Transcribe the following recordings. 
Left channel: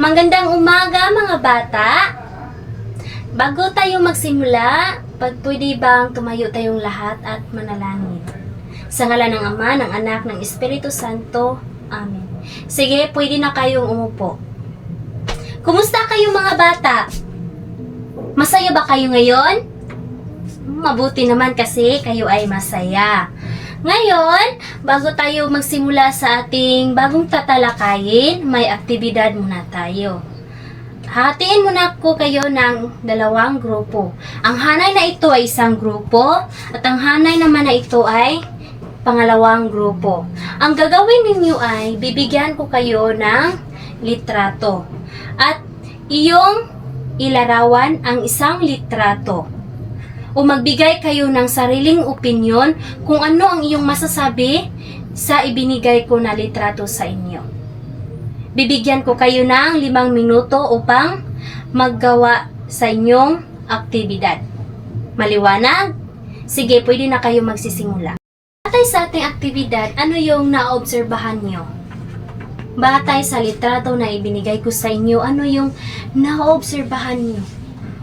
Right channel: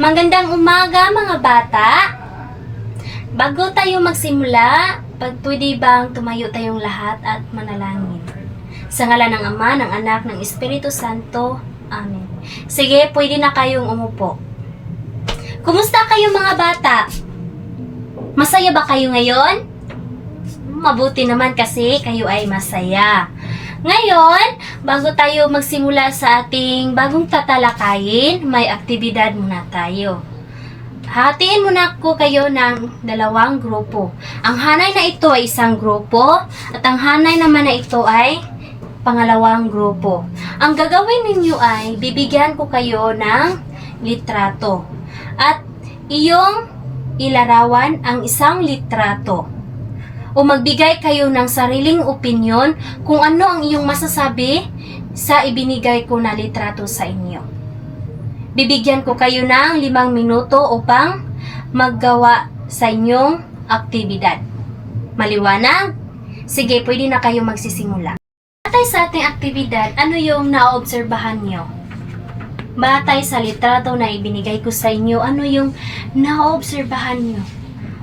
Magandang umaga mga bata! Bago tayo magsimula, pwede bang tumayo tayong lahat at manalangin? Sa ngalan ng Ama, ng Anak, ng Espiritu Santo. Amen. Sige, pwede na kayong umupo. Kumusta kayo mga bata? Masaya ba kayo ngayon? Mabuti naman kasi kayo ay masaya. Ngayon, bago tayo magsimula sa ating bagong tatalakayin, may aktibidad muna tayo. Hatiin muna ko kayo ng dalawang grupo. Ang hanay na ito ay isang grupo at ang hanay naman na ito ay pangalawang grupo. Ang gagawin ninyo ay bibigyan ko kayo ng litrato at iyong ilarawan ang isang litrato. O magbigay kayo ng sariling opinyon kung ano ang iyong masasabi sa ibinigay ko na litrato sa inyo. Bibigyan ko kayo ng 5 minuto upang maggawa sa inyong aktibidad. Maliwanag? Sige, pwede na kayo magsisimula. Batay sa ating aktibidad, ano yung naobserbahan nyo? Batay sa litrato na ibinigay ko sa inyo, ano yung naobserbahan nyo?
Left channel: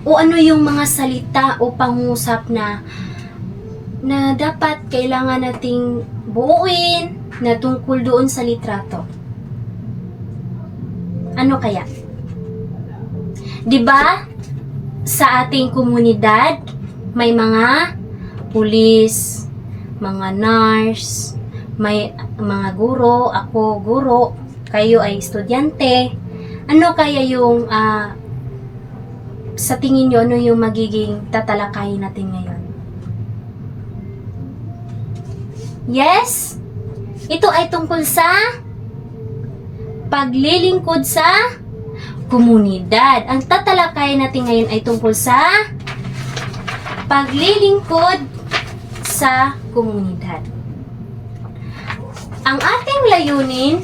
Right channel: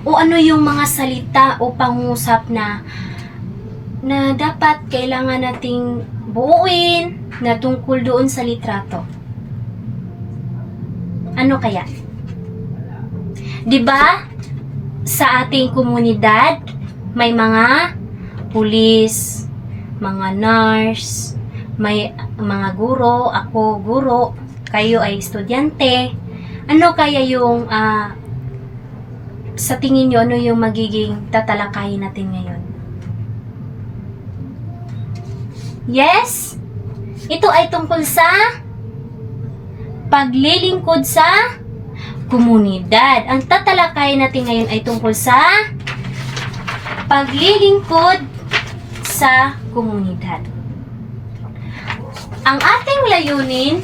O ano yung mga salita o pangusap na dapat kailangan nating buuin na tungkol doon sa litrato? Ano kaya? 'Di ba? Sa ating komunidad may mga pulis, mga nurse, may mga guro, ako guro, kayo ay estudyante. Ano kaya yung sa tingin nyo, ano yung magiging tatalakayin natin ngayon? Yes? Ito ay tungkol sa paglilingkod sa komunidad. Ang tatalakayin natin ngayon ay tungkol sa paglilingkod sa komunidad. Ang ating layunin,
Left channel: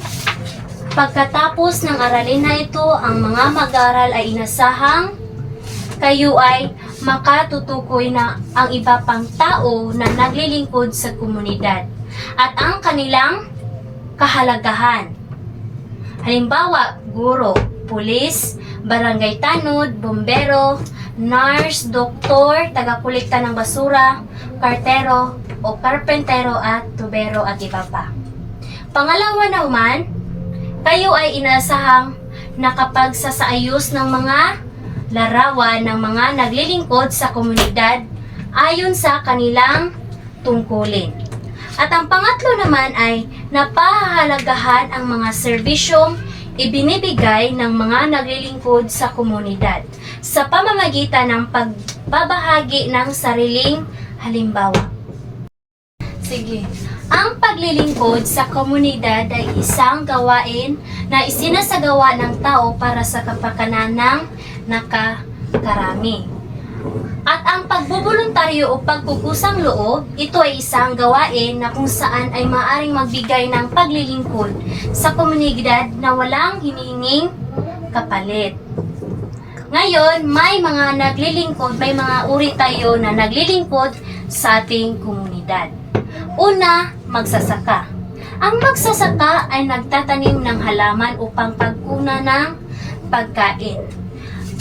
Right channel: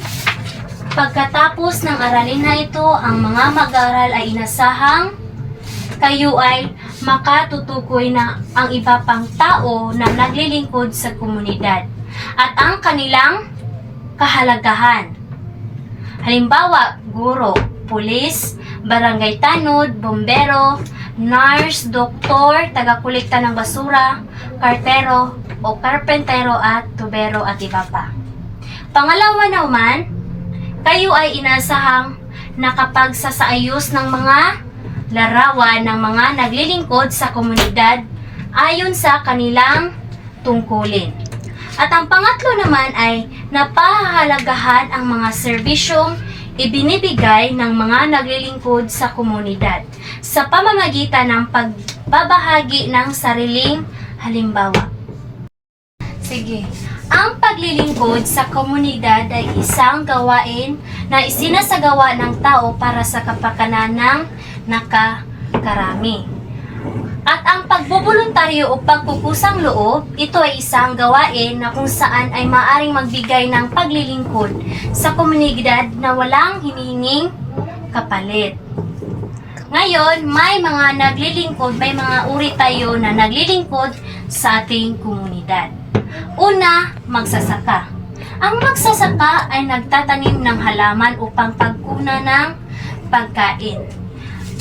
pagkatapos ng aralin na ito, ang mga mag-aaral ay inasahang kayo ay makatutukoy na ang iba pang tao na naglilingkod sa komunidad at ang kanilang kahalagahan. Halimbawa, guro, pulis, barangay tanod, bombero, nurse, doktor, tagakulikta ng basura, kartero o karpentero at tubero at iba pa. Pangalawa naman, kayo ay inasahang nakapagsasaayos ng mga larawan ng mga naglilingkod sa komunidad ayon sa kanilang tungkulin. At ang pangatlo naman ay napahalagahan ang mga serbisyong ibinibigay ng mga naglilingkod sa komunidad sa pamamagitan ng pagbabahagi ng sariling halimbawa. Sige. Ang paglilingkod sa komunidad ay isang gawain na isinasagawa ng tao para sa kapakanan ng nakakarami. At ang pagbubuluntaryo o pagkukusang loob, ito ay isang gawain na kung saan ay maaaring magbigay ng paglilingkod sa komunidad na walang hinihinging kapalit. Ngayon, may mga naglilingkod, may mga uri tayo na naglilingkod sa ating komunidad. Una, magsasaka. Ang magsasaka ay nagtatanim ng halaman upang pagkuna ng pagkain.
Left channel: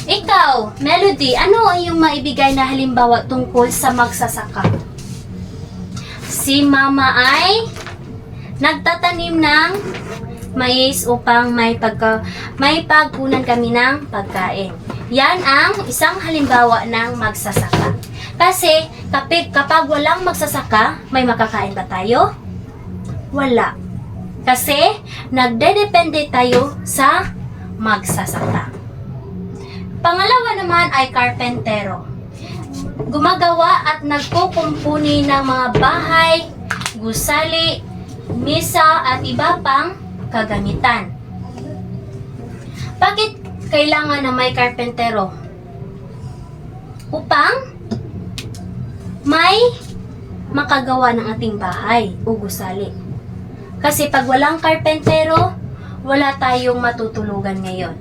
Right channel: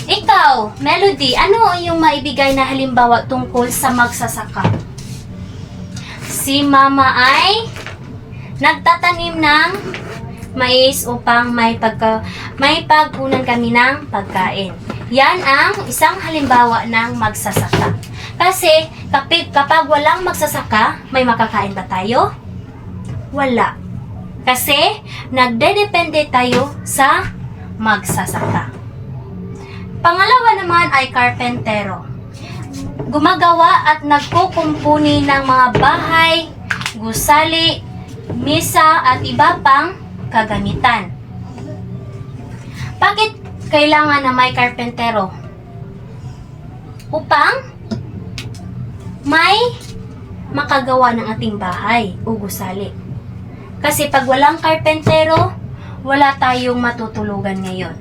Ikaw, Melody, ano yung maibigay na halimbawa tungkol sa magsasaka? Si Mama ay nagtatanim ng mais upang may pagkunan kami ng pagkain. Yan ang isang halimbawa ng magsasaka. Kasi kapag walang magsasaka, may makakain ba tayo? Wala. Kasi nagdedepende tayo sa magsasaka. Pangalawa naman ay karpentero. Gumagawa at nagkukumpuni ng mga bahay, gusali, misa at iba pang kagamitan. Bakit kailangan na may karpentero? Upang may makagawa ng ating bahay o gusali. Kasi pag walang karpentero, wala tayong matutulugan ngayon.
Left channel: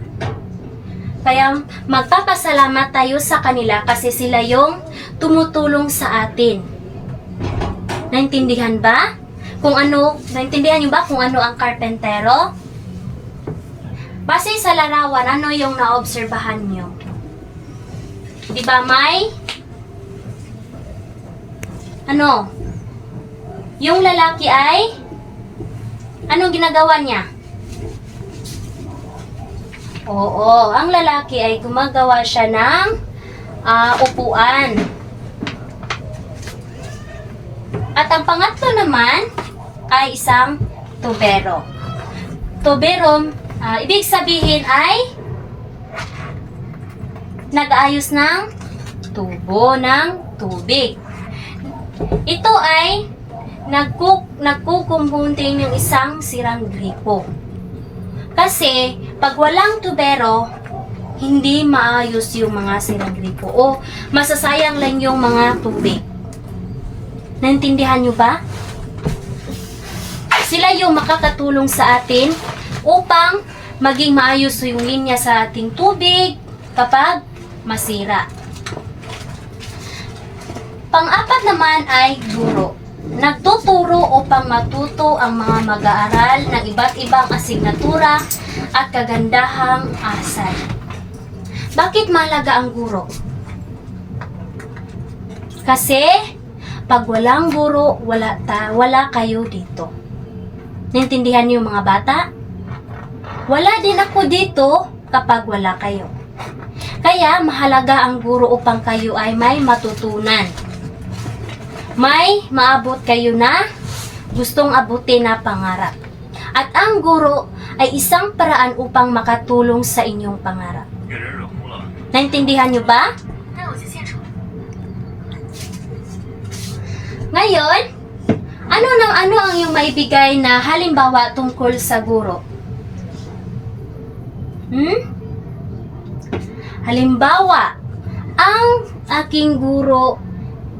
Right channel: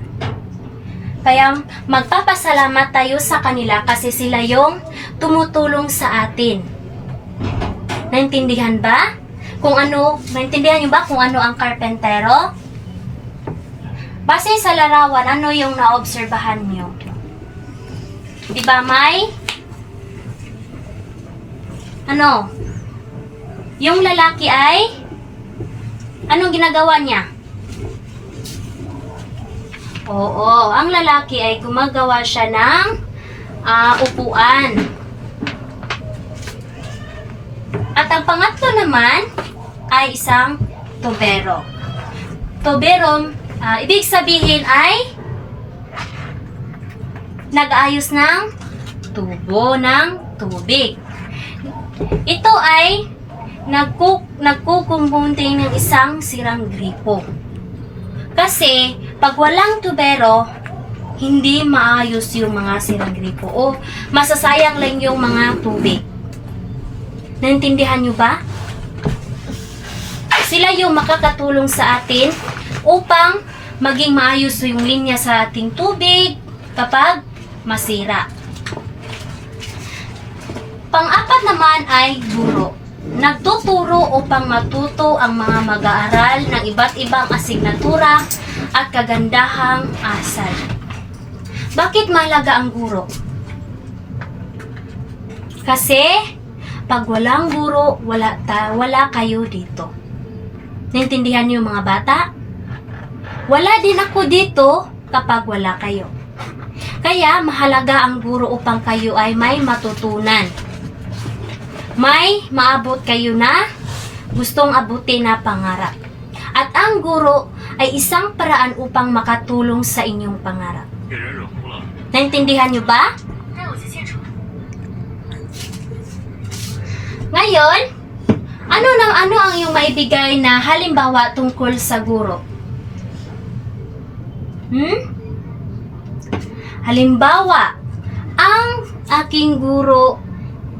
Kaya magpapasalamat tayo sa kanila kasi sila yung tumutulong sa atin. Naintindihan ba? Naintindihan niyo ba kung ano ang karpentero? Base sa larawan, ano yung naobserbahan nyo? Diba may ano? Yung lalaki ay anong ginagawa niya? Oo, ang lalaki ay gumagawa siya ng upuan. At ang pangatlo naman ay isang tubero. Tubero, ibig sabihin ay nag-aayos ng tubo ng tubig. Ito ay nagkukumbunting ng isang sirang gripo. Kasi, pag walang tubero, hindi maayos yung mga sirang gripo o masasayang lang yung mga tubig. Naintindihan nyo ba? Sila yung makakatulong sa atin upang maging maayos yung linya sa ating tubig kapag masira. Pang-apat naman ay guro. Nagtuturo upang matuto ang mga mag-aaral ng iba't ibang asignatura at kagandahang asal. Bakit mahalaga ang guro? Kasi pag walang guro, wala kayo dito. Naintindihan niyo mga bata? Wala din ako dito kapag wala kayo. Kaya mahalaga ang guro upang kayo ay may matutunan. May maabot kayo na gustong abutin na pangarap. At ang guro ay isang paraan upang makatulong sa inyong pangarap. Naintindihan nyo ba? Ngayon, ano ang iyong maibigay na halimbawa tungkol sa guro? Halimbawa, ang aking guro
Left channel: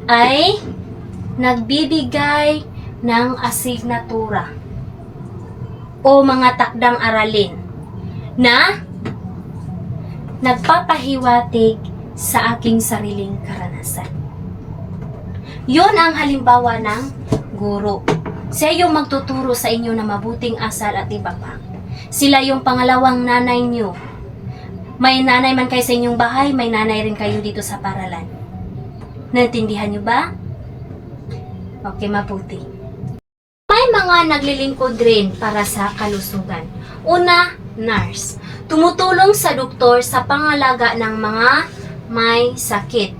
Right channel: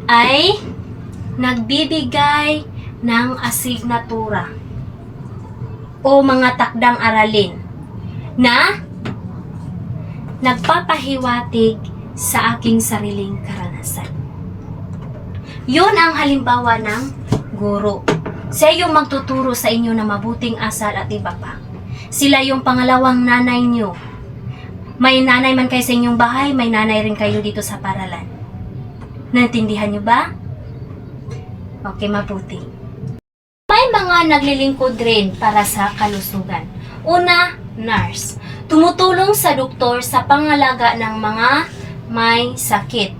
ay nagbibigay ng asignatura o mga takdang aralin na nagpapahiwatig sa aking sariling karanasan. Yun ang halimbawa ng guro. Siya yung magtuturo sa inyo ng mabuting asal at iba pa. Sila yung pangalawang nanay nyo. May nanay man kayo sa inyong bahay, may nanay rin kayo dito sa paralan. Naintindihan nyo ba? Okay, mabuti. May mga naglilingkod rin para sa kalusugan. Una, nurse. Tumutulong sa doktor sa pangalaga ng mga may sakit.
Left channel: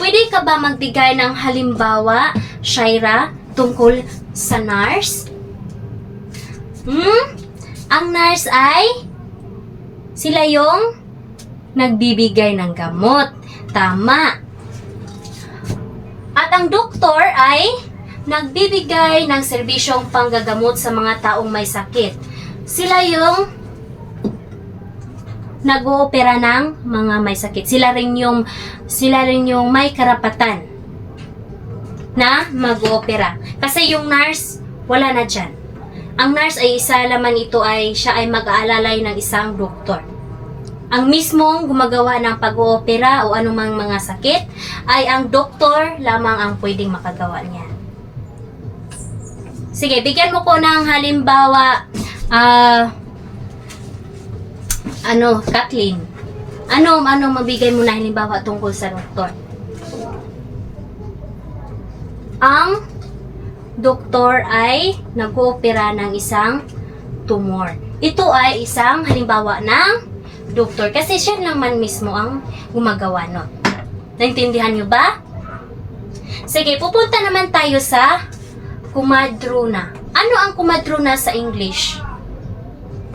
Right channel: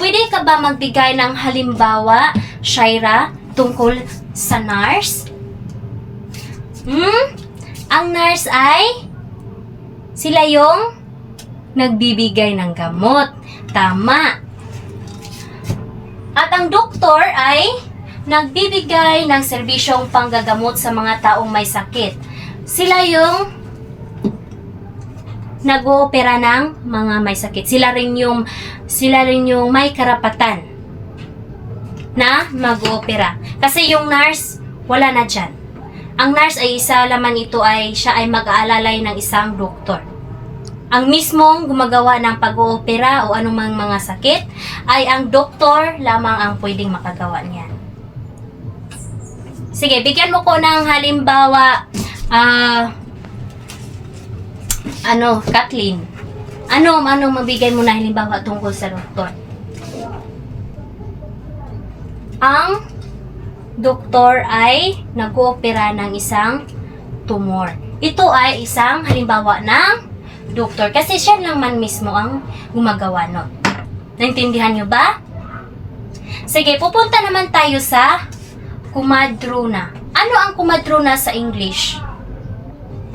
Pwede ka ba magbigay ng halimbawa, Shaira, tungkol sa nurse? Ang nurse ay sila yung nagbibigay ng gamot. Tama. At ang doktor ay nagbibigay ng serbisyong panggagamot sa mga taong may sakit. Sila yung nag-oopera ng mga may sakit. Sila rin yung may karapatan na mag-oopera. Kasi yung nurse, wala na dyan. Ang nurse ay isa laman ito ay siya ay mag-aalalay ng isang doktor. Ang mismong gumagawa ng pag-oopera o anumang mga sakit ay ang doktor lamang ang pwedeng makagawa niyan. Sige, bigyan mo ko ng halimbawa, Kathleen. Ano mabigay mo na halimbawa tungkol sa doktor? Ang doktor ay nag-oopera ng isang tumor. Ito ay isang halimbawa ng doktor kasi siya lang man mismo ang gumagawa nun. Naintindihan nyo ba? Sige, pupunta naman tayo sa kumadrona. Ano ang kumadrona sa English?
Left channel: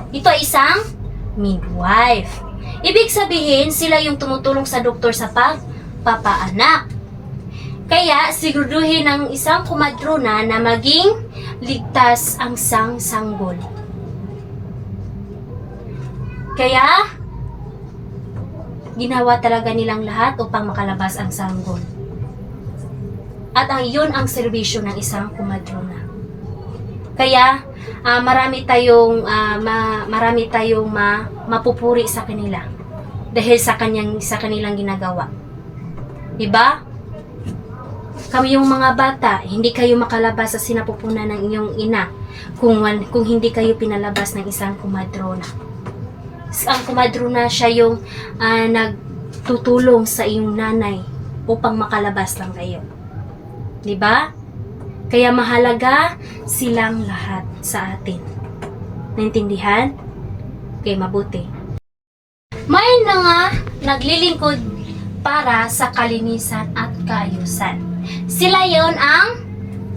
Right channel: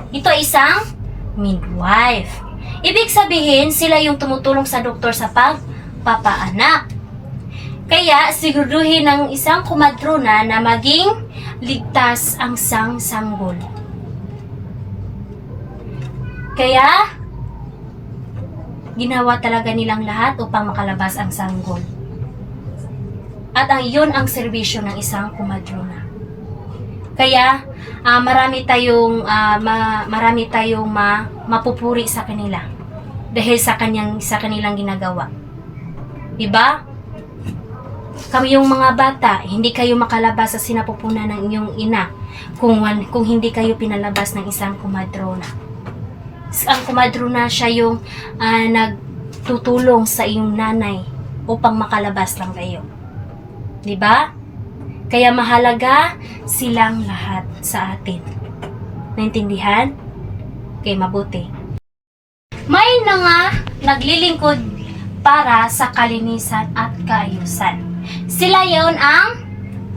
Ito ay isang midwife. Ibig sabihin, sila yung tumutulong sa doktor sa pagpapaanak. Kaya, siguraduhin ng isang kumadrona na maging ligtas ang sanggol. Kaya, ginawa talaga nilang lahat upang makalabas ang sanggol. At yun ang serbisyo ng isang kumadrona. Kaya, marami tayong mapupuri sa kanila dahil sa kanilang ginagawa. Diba? Kami yung mga bata, hindi kayo makalabas sa sinapupunan ng inyong ina kung hindi kayo pinalabas ng isang kumadrona. Ang kumadrona siya yung nagtutulong sa iyong nanay upang makalabas lang kayo. 'Di ba? Kaya mahalaga silang lahat sa atin. Naintindihan? Okay, mabuti. May naglilingkod para sa kalinisan at kaayusan. Sila yon ang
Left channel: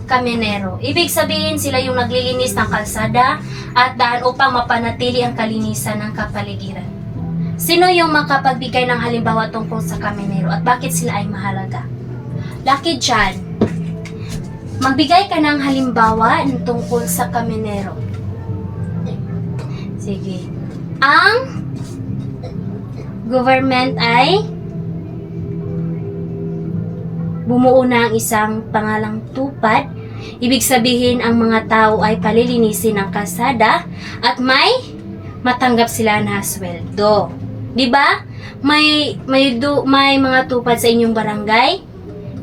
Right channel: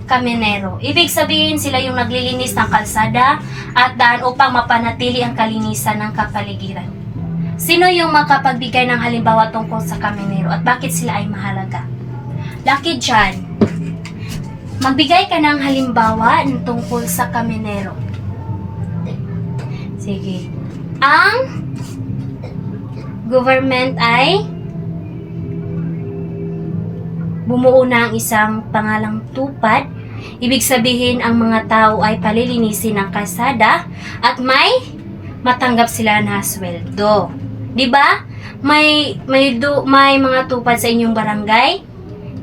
kaminero. Ibig sabihin, sila yung naglilinis ng kalsada at daan upang mapanatili ang kalinisan ng kapaligiran. Sino yung makapagbigay ng halimbawa tungkol sa kaminero at bakit sila ay mahalaga? Lucky John, magbigay ka ng halimbawa tungkol sa kaminero. Sige. Ang government ay bumuo ng isang pangalang tupad. Ibig sabihin, ang mga tao ay palilinisin ng kalsada at may matanggap sila na sweldo. 'Di ba? May mga tupad sa inyong barangay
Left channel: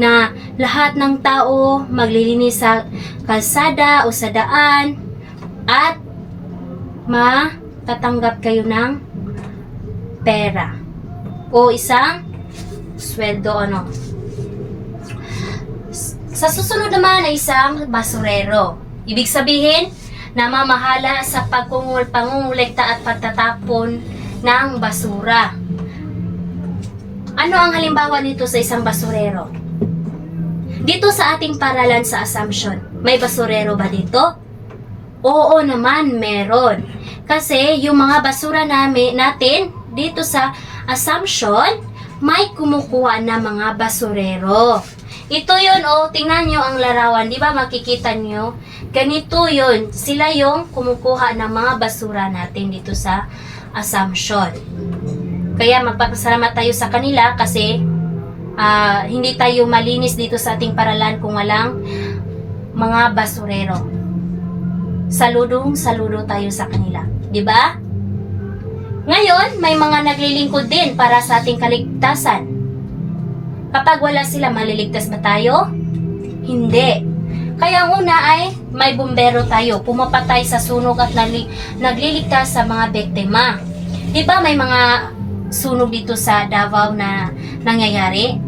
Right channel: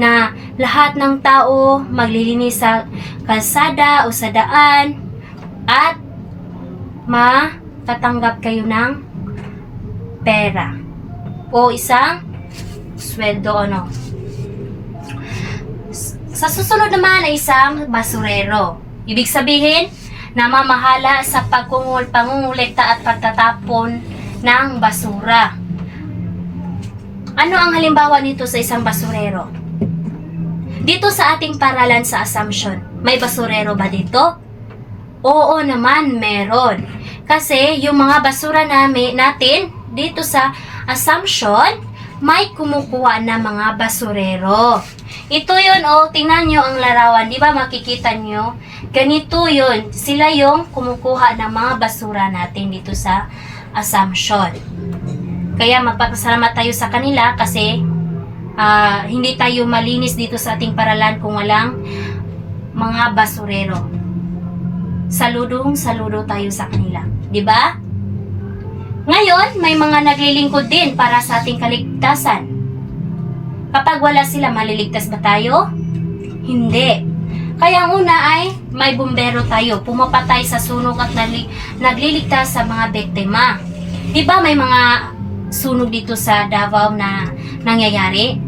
na lahat ng tao maglilinis sa kalsada o sa daan at matatanggap kayo ng pera o isang sweldo Sa susunod naman ay isang basurero. Ibig sabihin, namamahala sa pangungulekta at pagtatapon ng basura. Ano ang halimbawa nito sa isang basurero? Dito sa ating paralan sa Assumption, may basurero ba dito? Oo naman, meron. Kasi yung mga basura natin dito sa Assumption, may kumukuha na mga basurero. Ito yun, tingnan nyo ang larawan, di ba makikita nyo? Ganito yun, sila yung kumukuha ng mga basura natin dito sa Assumption. Kaya magpapasalamat tayo sa kanila kasi hindi tayo malinis dito sa ating paralan kung walang mga basurero. Saludo tayo sa kanila, di ba? Ngayon, may mga naglilingkod din para sa ating kaligtasan. Kapag wala sila, maliligtas ba tayo? Hindi. Kaya ang una ay may bumbero tayo, pumapatay sa sunog at nagliligtas sa mga biktima. Diba may mga sunog dito sa Davao na nangyayari?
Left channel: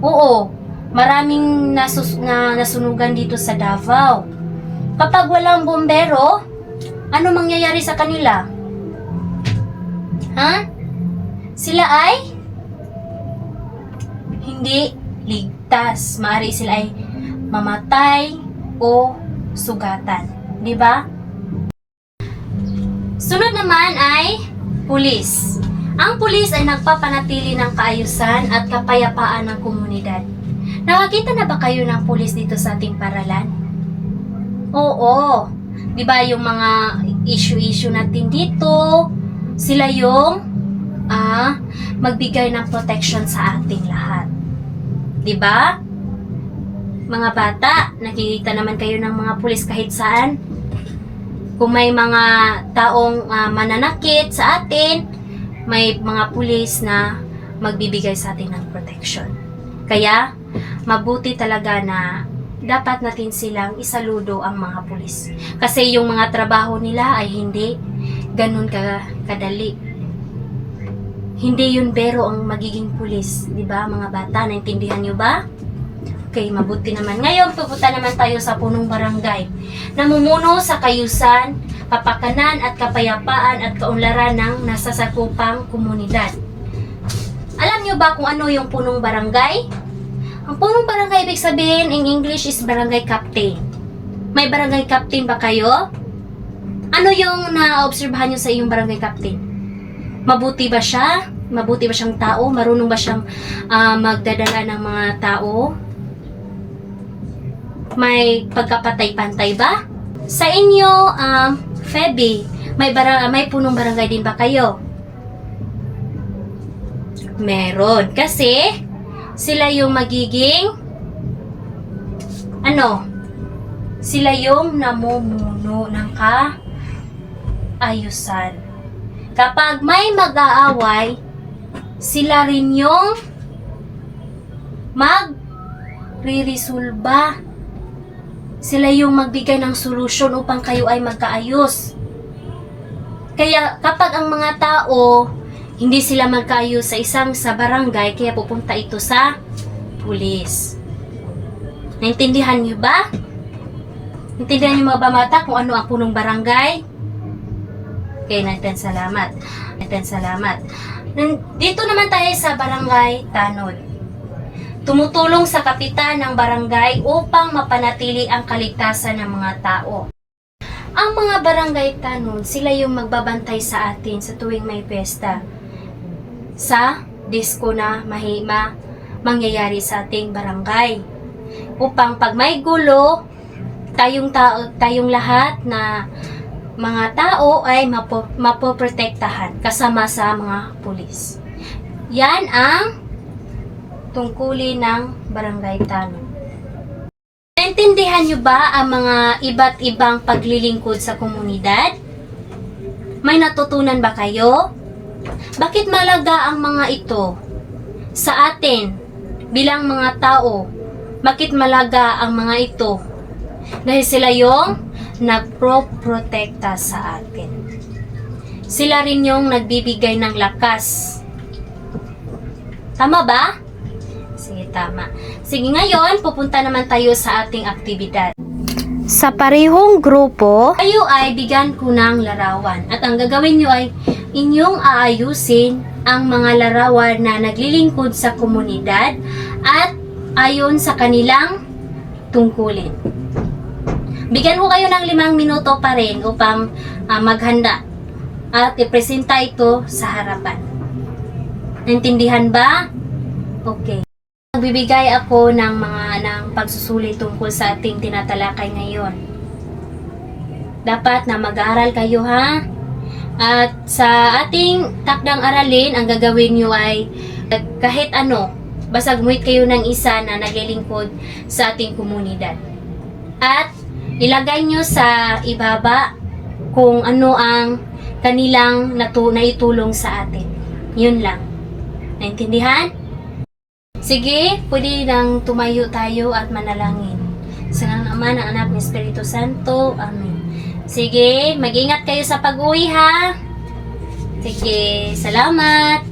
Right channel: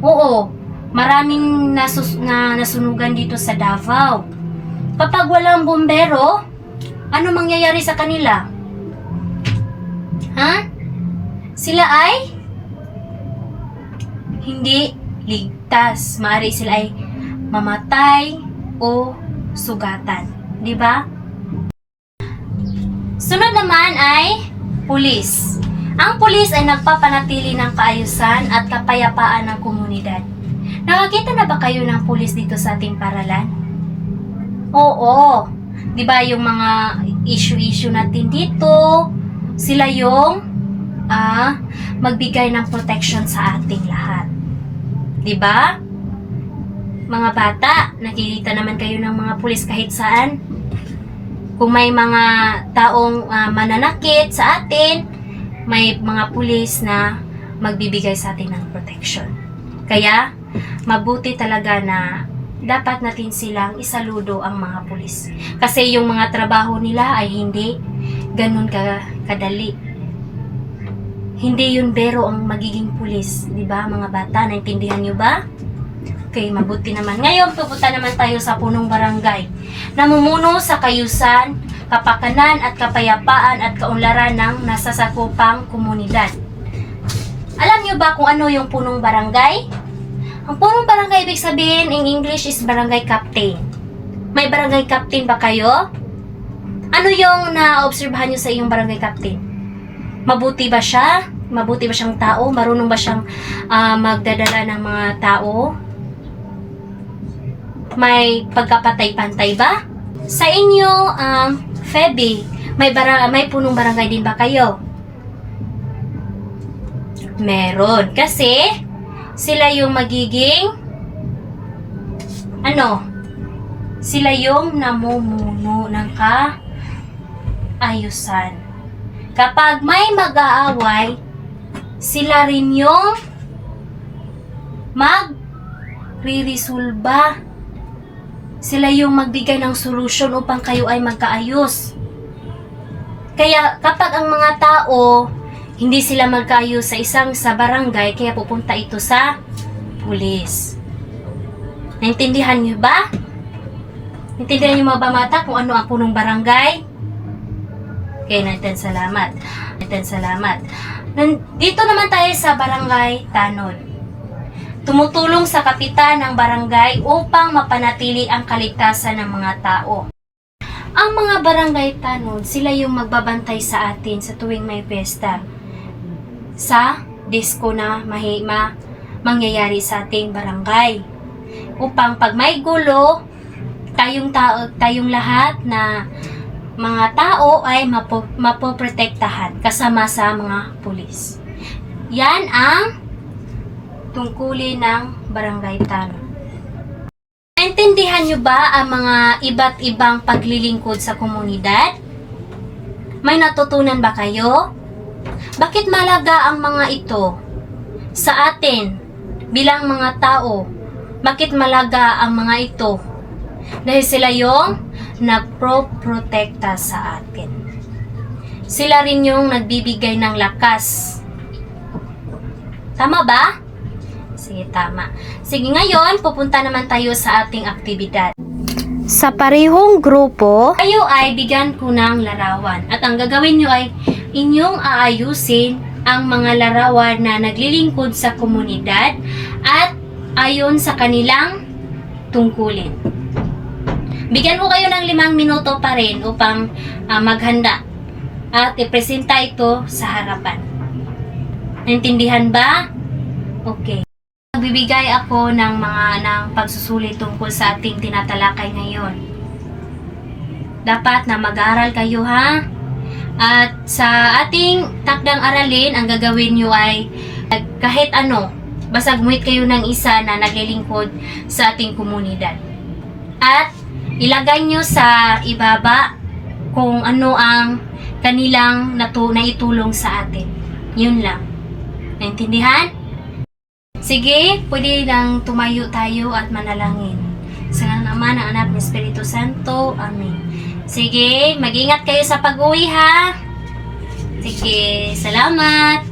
Oo, maraming nasunugan dito sa Davao. Kapag walang bumbero, ano mangyayari sa kanila? Sila ay hindi ligtas. Maaari sila ay mamatay o sugatan. Di ba? Sunod naman ay pulis. Ang pulis ay nagpapanatili ng kaayusan at kapayapaan ng komunidad. Nakakita na ba kayo ng pulis dito sa ating paralan? Oo. Di ba yung mga issue natin dito, sila yung magbigay ng protection sa ating lahat. 'Di ba? Mga bata, nakikita naman kayo ng mga pulis kahit saan. Kung may mga taong mananakit sa atin, may mga pulis na magbibigay sa atin ng protection. Kaya, mabuti talaga na dapat natin silang isaludo ang mga pulis. Kasi yung mga trabaho nila ay hindi ganun kadali. Hindi yun bero ang magiging pulis, di ba mga bata? Naintindihan nyo ba? Okay, mabuti naman. Ngayon, pupunta naman tayo sa punong barangay. Namumuno sa kayusan, kapakanan at kapayapaan at kaunlaran ng nasasakupang komunidad. Alam nyo ba kung ano yung punong barangay? Ang punong barangay, ibig sabihin, in English is barangay captain. May barangay captain ba kayo? Ano yung na-obserbahan nyo sa iyong barangay captain? Mabuti ba siya? Mabuti ba siyang tao? Marunong ba siyang magdadala ng mga tao? May pagkapatay-pantay ba? Sa inyo, Feby, may punong barangay din ba kayo? Meron. Kasi, sila yung magiging, sila yung namumuno ng kaayusan. Kapag may mag-aaway, sila rin yung magre-resolba. Sila yung magbigay ng solusyon upang kayo ay magkaayos. Kaya kapag ang mga tao hindi sila magkaayos sa barangay, kaya pupunta ito sa pulis. Naintindihan niyo ba? Naintindihan niyo mga bata kung ano ang punong barangay? Okay, natin salamat. Dito naman tayo sa barangay Tanod. Tumutulong sa kapitan ng barangay upang mapanatili ang kaligtasan ng mga tao. Ang mga barangay Tanod, sila yung magbabantay sa atin sa tuwing may piyesta. Sa disco na mangyayari sa ating barangay. Upang pag may gulo, tayong lahat na mga tao ay mapoprotektahan kasama sa mga pulis. Yan ang tungkulin ng barangay Tanod. Naintindihan nyo ba ang mga iba't ibang paglilingkod sa komunidad? May natutunan ba kayo? Bakit mahalaga ang mga ito sa atin bilang mga tao? Bakit mahalaga ang mga ito? Dahil sila yung nagproprotekta sa atin. Sila rin yung nagbibigay ng lakas. Tama ba? Sige, tama. Sige, ngayon, pupunta naman tayo sa ating aktibidad. Sa parehong grupo, kayo ay bigyan ko ng larawan. At ang gagawin nyo ay inyong aayusin ang mga larawan na naglilingkod sa komunidad at ayon sa kanilang tungkulin. Bigyan ko kayo ng 5 minuto pa rin upang maghanda at ipresenta ito sa harapan. Naintindihan ba? Okay. Magbibigay ako ng pagsusulit tungkol sa ating tinatalakay ngayon. Dapat na mag-aaral kayo, ha? At sa ating takdang aralin, ang gagawin nyo ay kahit ano, basta gumuhit kayo ng isa na naglilingkod sa ating komunidad. At ilagay nyo sa ibaba kung ano ang kanilang naitulong sa atin. Yun lang. Naintindihan? Sige, pwede lang tumayo tayo at manalangin. Sa ngalan ng Ama, ng Anak, ng Espiritu Santo. Amen. Sige, mag-ingat kayo sa pag-uwi, ha? Sige, salamat.